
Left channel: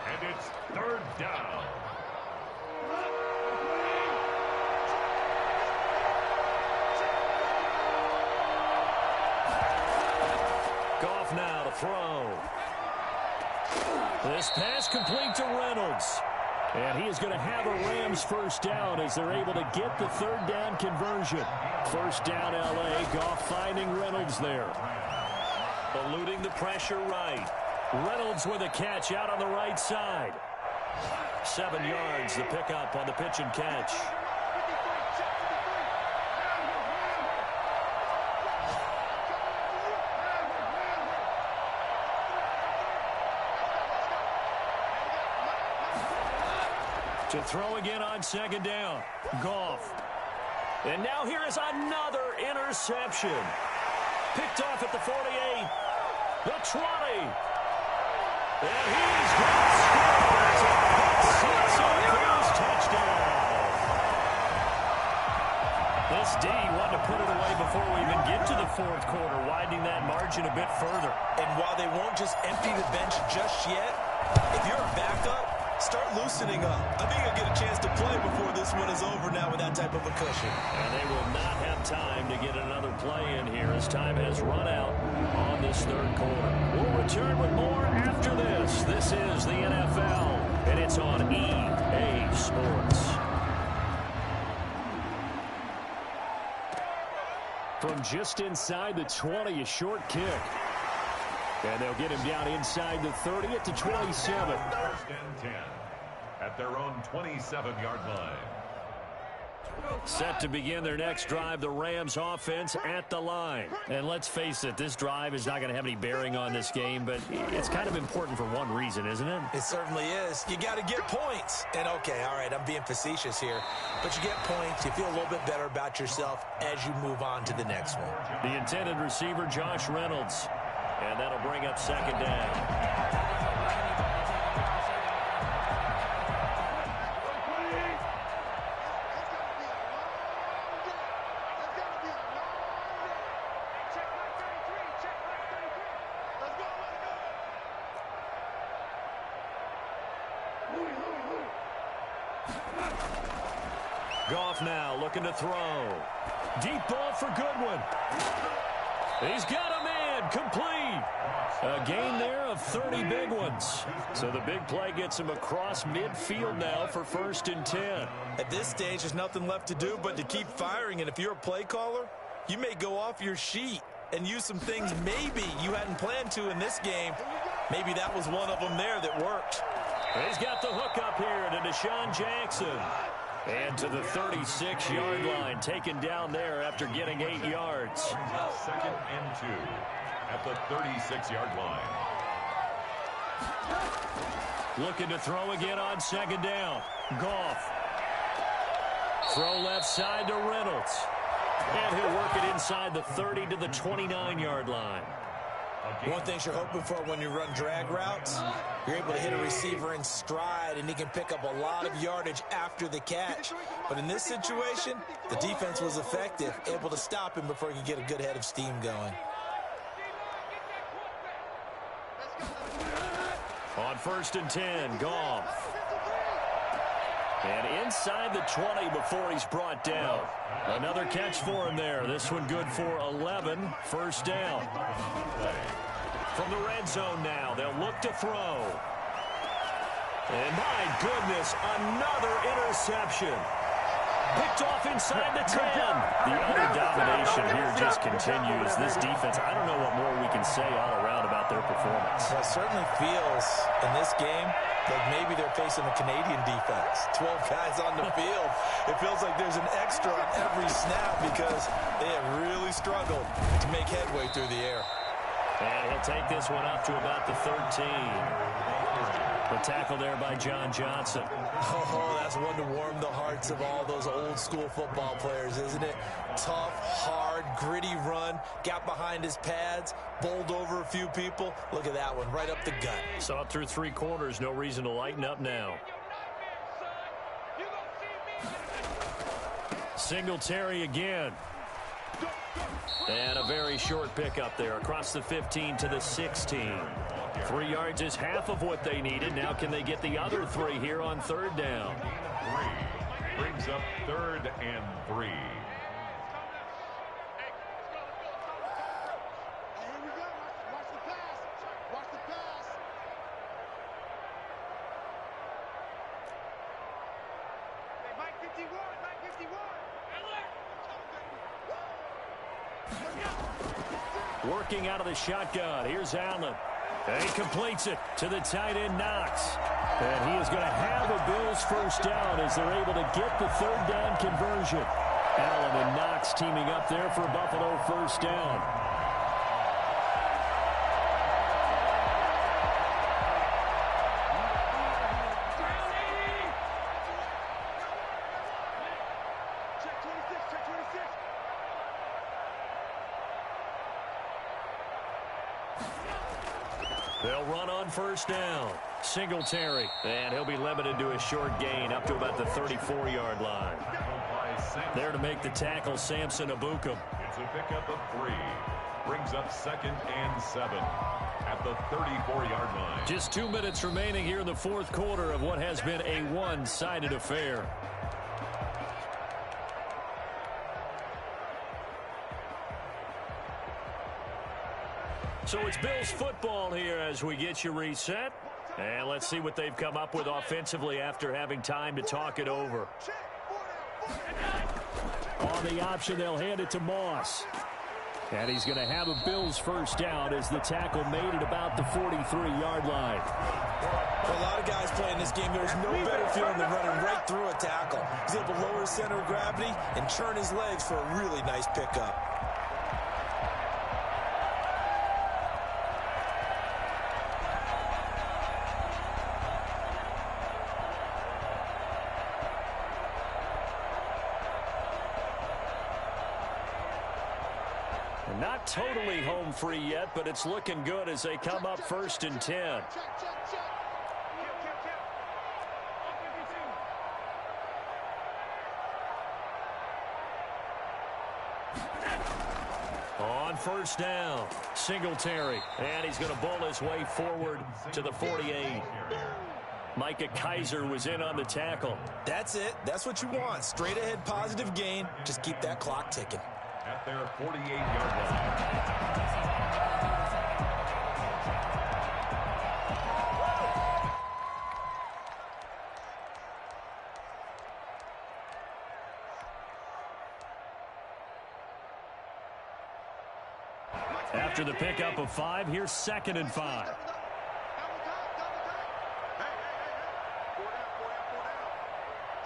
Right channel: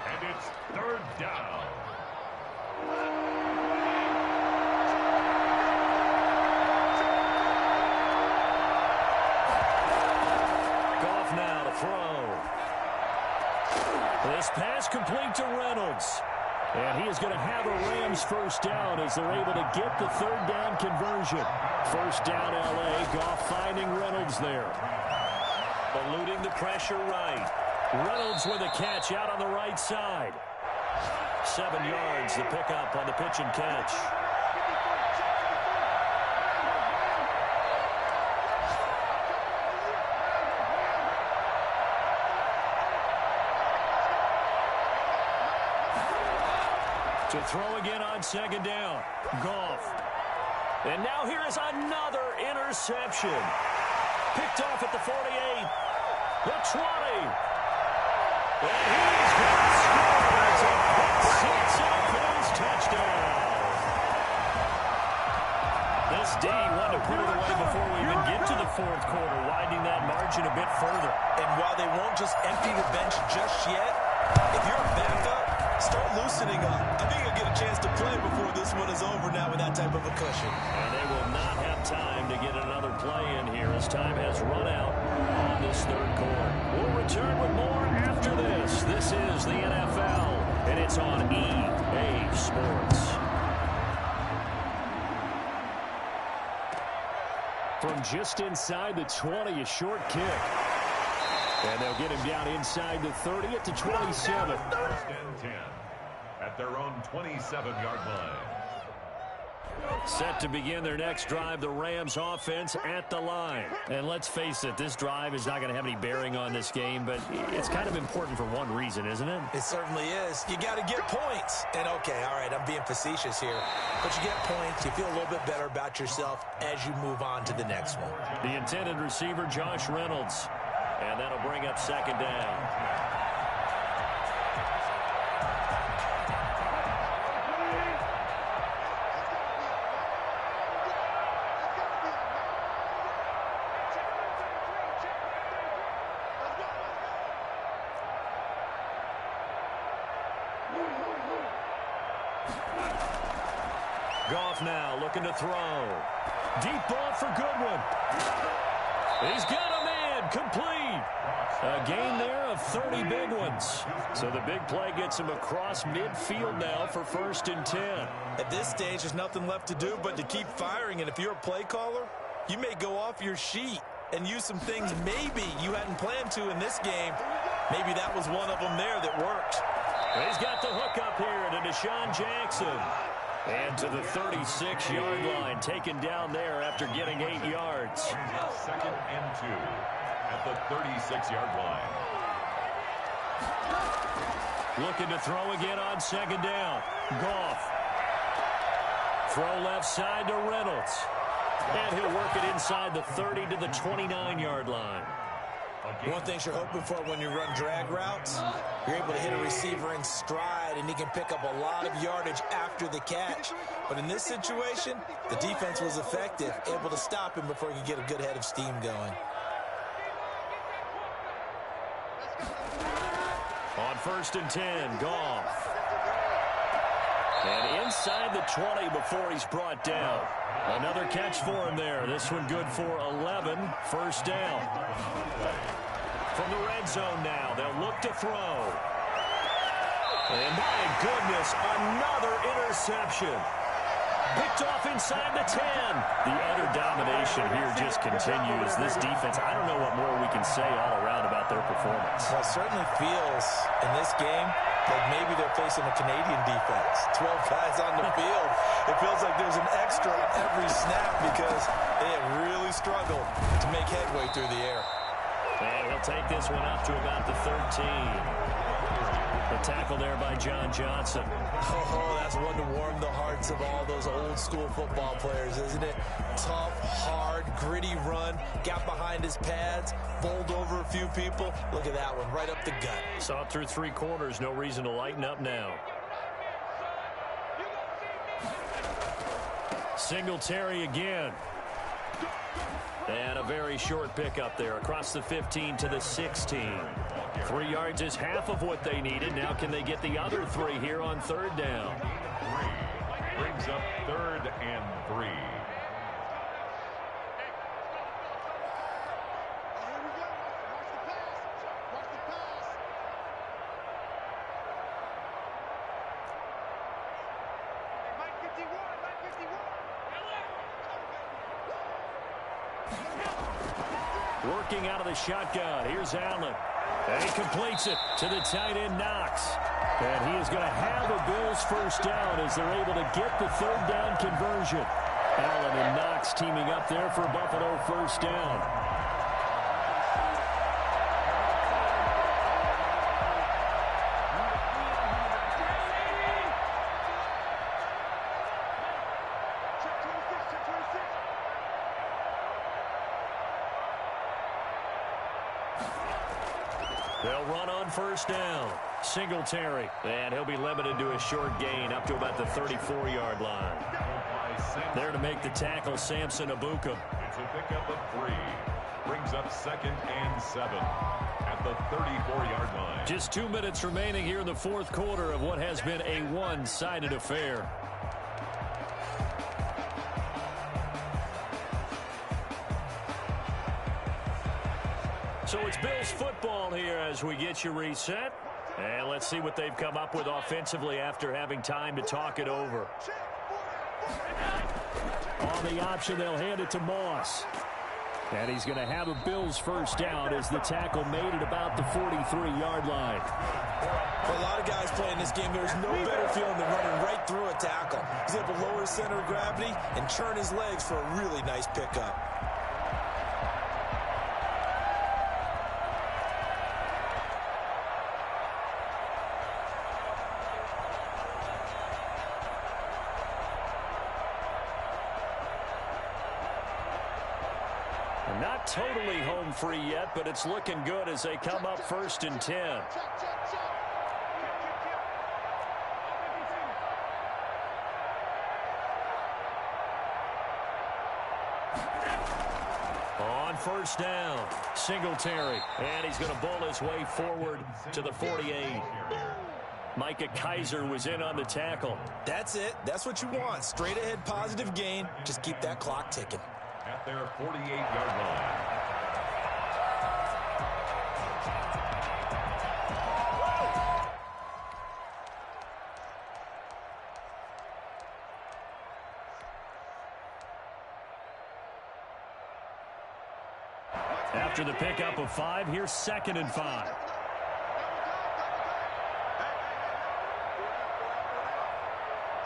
And it's 3rd down. Goff now to throw. This pass complete to Reynolds. And he is going to have a Rams first down as they're able to get the 3rd down conversion. First down, L.A. Goff finding Reynolds there. Eluding the pressure right. Reynolds with a catch out on the right side. 7 yards, the pickup on the pitch and catch. To throw again on 2nd down. Goff. And now here is another interception. Picked off at the 48. The 20. And he's going to score. It's a pick 6 and a Bills touchdown. This D wanted to put it away before we even get to the 4th quarter, widening that margin a bit further. And while they won't just empty the bench just yet, if you're a backup, start loosening up. I think you'll get a chance to play before this one is over now with that type of a cushion. And they will not have time to get another play in here as time has run out on this 3rd quarter. We'll return with more after this. This is the NFL, and it's on EA Sports. From just inside the 20, a short kick. And they'll get him down inside the 30 at the 27. 1st and 10 at their own 27-yard line. Set to begin their next drive, the Rams offense at the line. And let's face it, this drive is not going to have any bearing on this game, but it's kind of important for one reason, isn't it? It certainly is. You got to get points. And okay, all right, I'm being facetious here, but you get points, you feel a little bit better about yourself as you move on to the next one. The intended receiver, Josh Reynolds. And that'll bring up 2nd down. Goff now looking to throw. Deep ball for Goodwin. He's got a man complete. A gain there of 30 big ones. So the big play gets him across midfield now for 1st and 10. At this stage, there's nothing left to do but to keep firing. And if you're a play caller, you may go off your sheet and use some things maybe you hadn't planned to in this game. Maybe that was one of them there that worked. He's got the hook up here to Deshaun Jackson. And to the 36-yard line, taken down there after getting 8 yards. 2nd and 2 at the 36-yard line. Looking to throw again on 2nd down. Goff. Throw left side to Reynolds. And he'll work it inside the 30 to the 29-yard line. One thing you're hoping for when you run drag routes, you're able to hit a receiver in stride, and he can pick up a lot of yardage after the catch. But in this situation, the defense was effective, able to stop him before he could get a good head of steam going. On 1st and 10, Goff. And inside the 20 before he's brought down. Another catch for him there. This one good for 11. 1st down. From the red zone now, they'll look to throw. And my goodness, another interception. Picked off inside the 10. The utter domination here just continues. This defense, I don't know what more we can say all around about their performance. Well, it certainly feels in this game like maybe they're facing a Canadian defense. 12 guys on the field. It feels like there's an extra on every snap because they have really struggled to make headway through the air. And he'll take this one up to about the 13. The tackle there by John Johnson. Oh, that's one to warm the hearts of all those old school football players, isn't it? Tough, hard, gritty run. Got behind his pads, bowled over a few people. Look at that one, right up the gut. Saw it through 3 quarters. No reason to lighten up now. Singletary again. And a very short pickup there across the 15 to the 16. 3 yards is half of what they needed. Now can they get the other 3 here on 3rd down? 3 brings up 3rd and 3. Here we go. Watch the pass. Watch the pass. Hey, Mike 51. Mike 51. Working out of the shotgun. Here's Allen. And he completes it to the tight end, Knox. And he is going to have a Bills 1st down as they're able to get the 3rd down conversion. Allen and Knox teaming up there for Buffalo 1st down. Check 26. Check 26. They'll run on 1st down. Singletary. And he'll be limited to a short gain up to about the 34-yard line. There to make the tackle, Samson Ebukam. It's a pickup of 3. Brings up 2nd and 7 at the 34-yard line. Just 2 minutes remaining here in the 4th quarter of what has been a one-sided affair. So it's Bills football here as we get you reset. And let's see what they've come up with offensively after having time to talk it over. On the option, they'll hand it to Moss. And he's going to have a Bills 1st down as the tackle made it about the 43-yard line. For a lot of guys playing this game, there's no better feeling than running right through a tackle. He's able to lower his center of gravity and churn his legs for a really nice pickup. Not totally home free yet, but it's looking good as they come up 1st and 10. Check, check, check. On 1st down, Singletary. And he's going to bowl his way forward to the 48. Micah Kaiser was in on the tackle. That's it. That's what you want. Straight ahead positive gain. Just keep that clock ticking. At their 48-yard line. After the pickup of 5, here's 2nd and 5.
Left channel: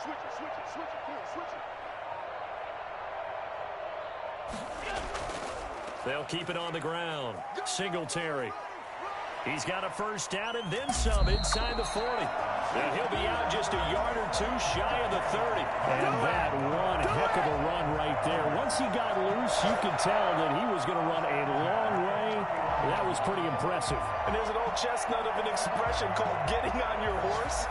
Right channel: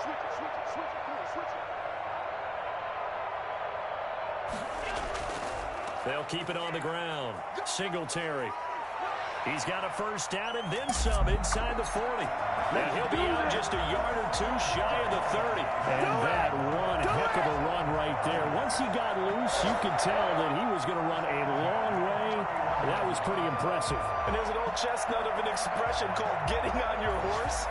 Switch it, switch it, switch it. Come on, switch it. They'll keep it on the ground. Singletary. He's got a first down and then some inside the 40. And he'll be out just a yard or two shy of the 30. And that one heck of a run right there. Once he got loose, you could tell that he was going to run a long way. That was pretty impressive. And there's an old chestnut of an expression called getting on your horse.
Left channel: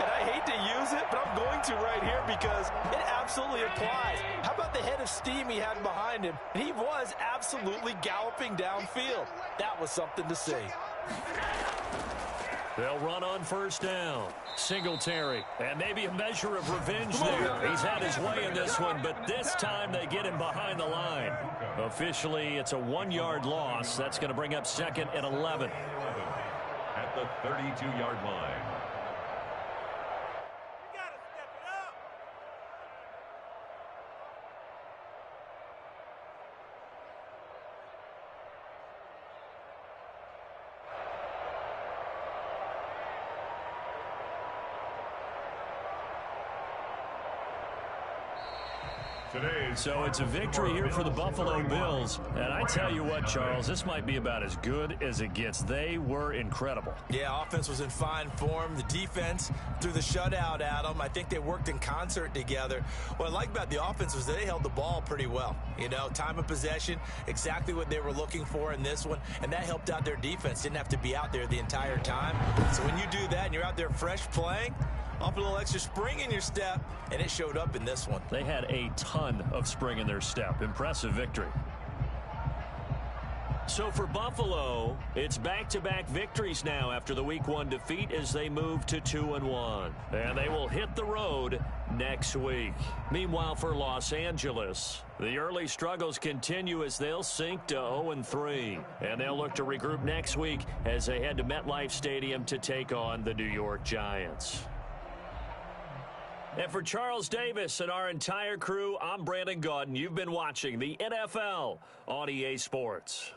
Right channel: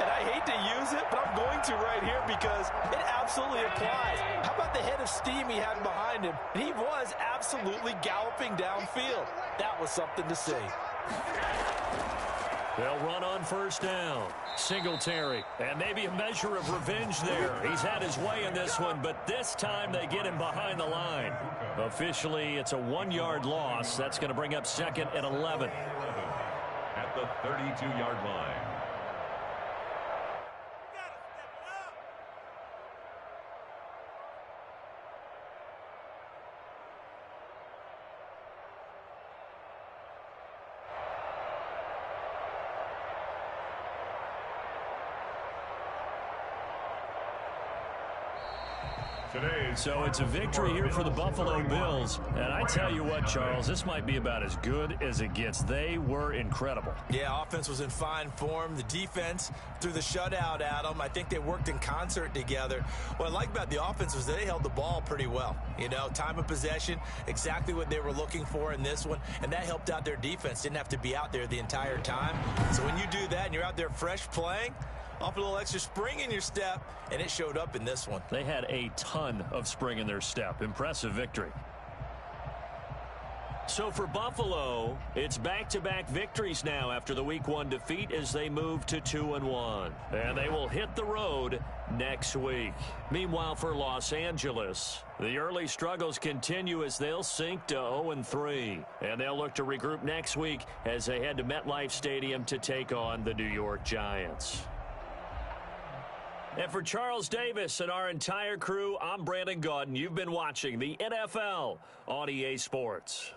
And I hate to use it, but I'm going to right here because it absolutely applies. How about the head of steam he had behind him? And he was absolutely galloping downfield. That was something to see. They'll run on first down. Singletary. And maybe a measure of revenge there. He's had his way in this one, but this time they get him behind the line. Officially, it's a 1-yard loss. That's going to bring up 2nd and 11. At the 32-yard line. So it's a victory here for the Buffalo Bills. And I tell you what, Charles, this might be about as good as it gets. They were incredible. Yeah, offense was in fine form. The defense threw the shutout at them. I think they worked in concert together. What I like about the offense was they held the ball pretty well. You know, time of possession, exactly what they were looking for in this one. And that helped out their defense. Didn't have to be out there the entire time. So when you do that and you're out there fresh playing, off a little extra spring in your step, and it showed up in this one. They had a ton of spring in their step. Impressive victory. So for Buffalo, it's back-to-back victories now after the Week 1 defeat as they move to 2-1. And they will hit the road next week. Meanwhile, for Los Angeles, the early struggles continue as they'll sink to 0-3. And they'll look to regroup next week as they head to MetLife Stadium to take on the New York Giants. And for Charles Davis and our entire crew, I'm Brandon Gaudin. You've been watching the NFL on EA Sports.